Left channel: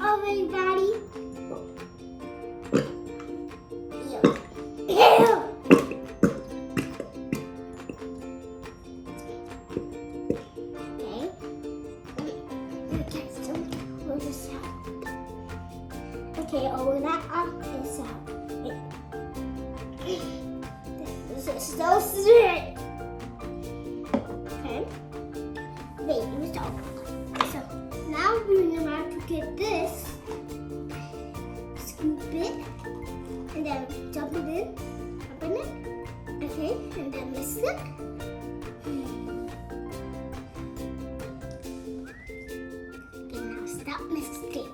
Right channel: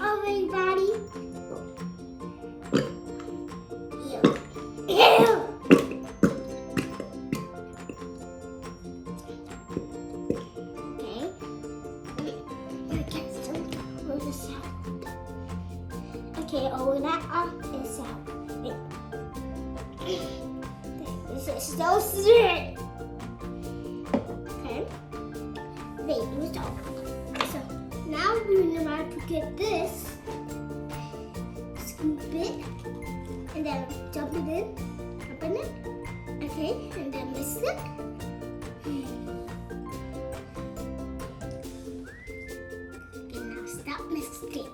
everybody. Ew. Okay. Okay, so we'll just okay, open that up this out. This is so sweet. Okay. Wait, let me stop. So now we're about to get this, scoop it, and then dump it in, open it. Okay, and then mix it. Okay, now stop mixing.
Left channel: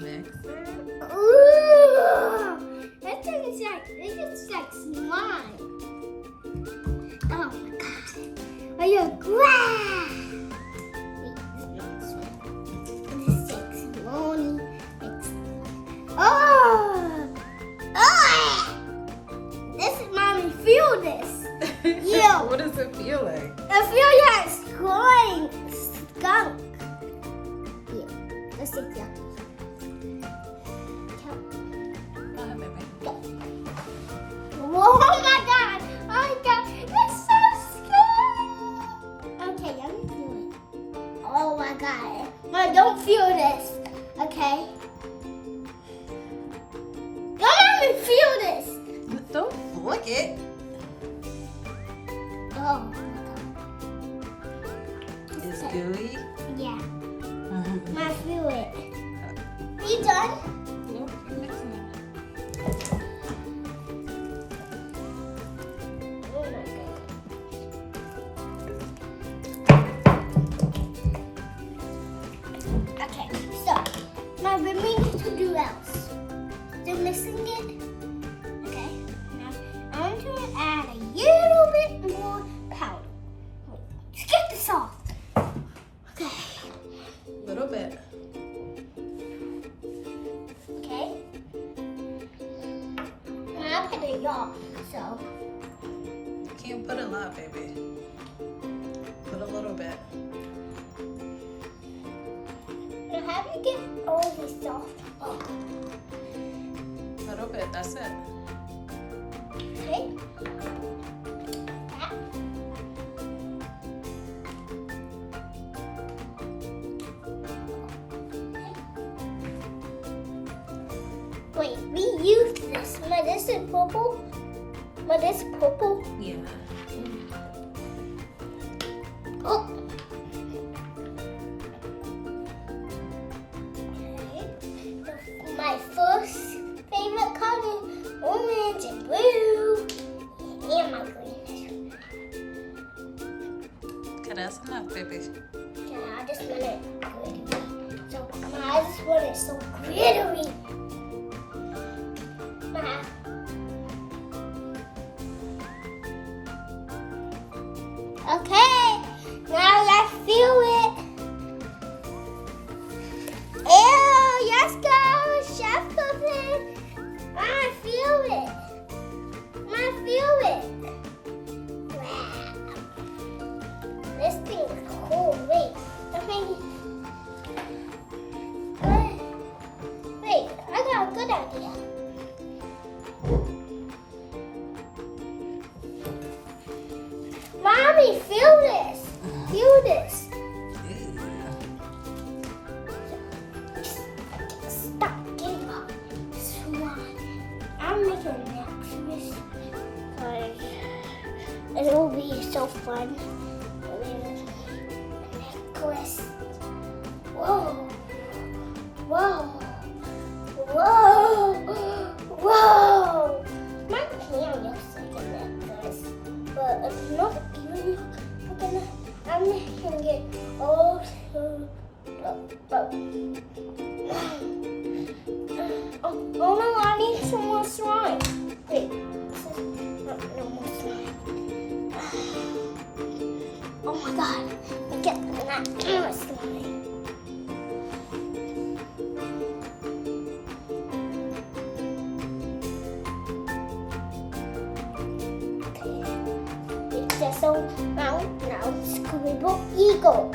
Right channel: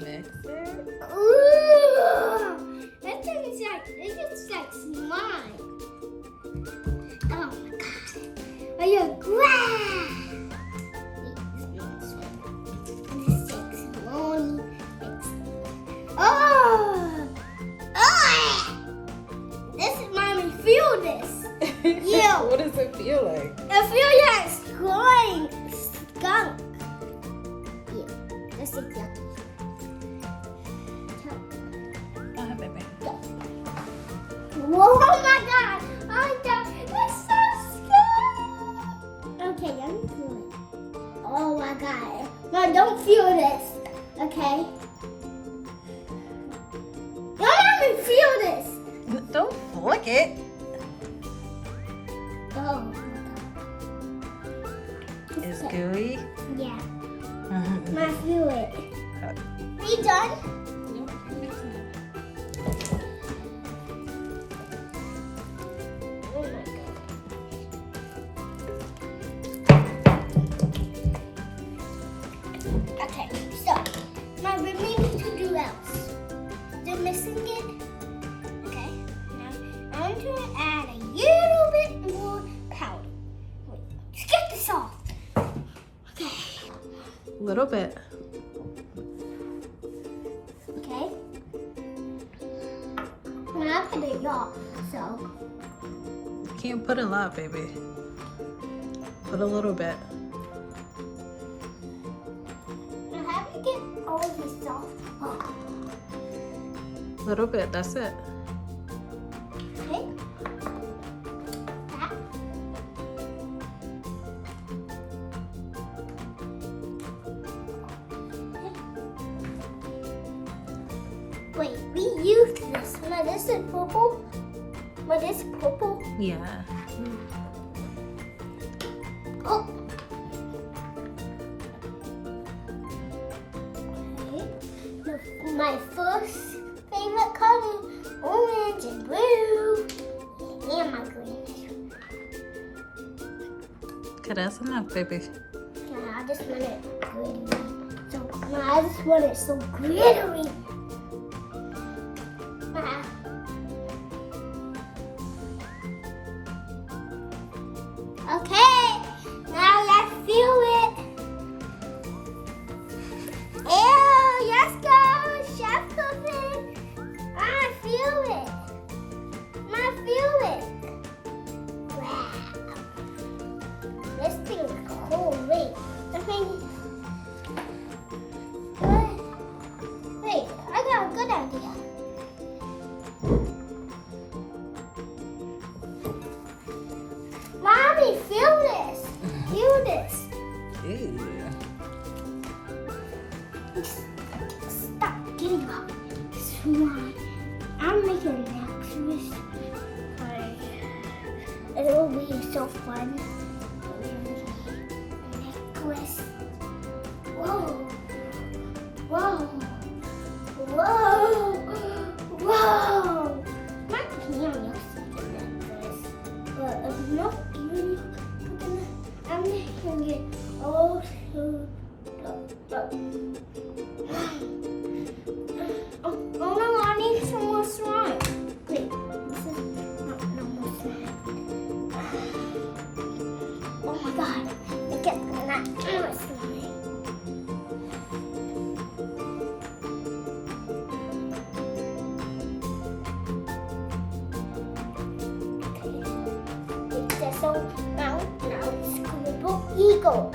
Mix it. Ooh, that thing is like slime. Oh my god. Oh, you're glad. Oh! Oh! This is mommy. Feel this. Ew. What does it feel like? I feel like skunk. Ew. This is yucky. Go ahead, baby. Whoa, oh my god! Oh my god! It's so scary! Okay, let me feel it. Oh my god. Mom, don't feel this. Okay? Don't let me feel this! Don't flick it. Oh my god. It's gooey. Yeah. Mom, feel it. Are you done? Oh my god. Okay, so now we need to do else. Still missing it? Okay, now I'm going to add a little bit more powder. Wait, let's get this off. Okay, A little bit. okay. Now I put it off, so. You can't put a lot, baby. Put a little bit. Now how do you get all this off? Oh, A little bit. That's it. okay. That. Wait, we used this. But this is purple. But this purple. Yeah. Oh. Okay. My first favorite color, orange and blue, and my green. Okay, that's enough, baby. Yeah, I just want it glittery. So, I just want it so glittery. Okay, now let's feel it. Ew, yes, go, chef cooking. I feel it. I feel it. Wow. This thing is cool. Wait, wait, I got a good idea. Mommy, feel this. Feel this. Yeah. Stop giving up. Swan. I'm making luxurious. It will be so fun. Necklace. Whoa. Whoa. Whoa. Whoa. My hand looks like a necklace. But if not you, I'm gonna get all through. Oh no, I need some more slime. Wait, this is not no more slime. Oh my god, get that more slime. Okay, so now scribble eagle.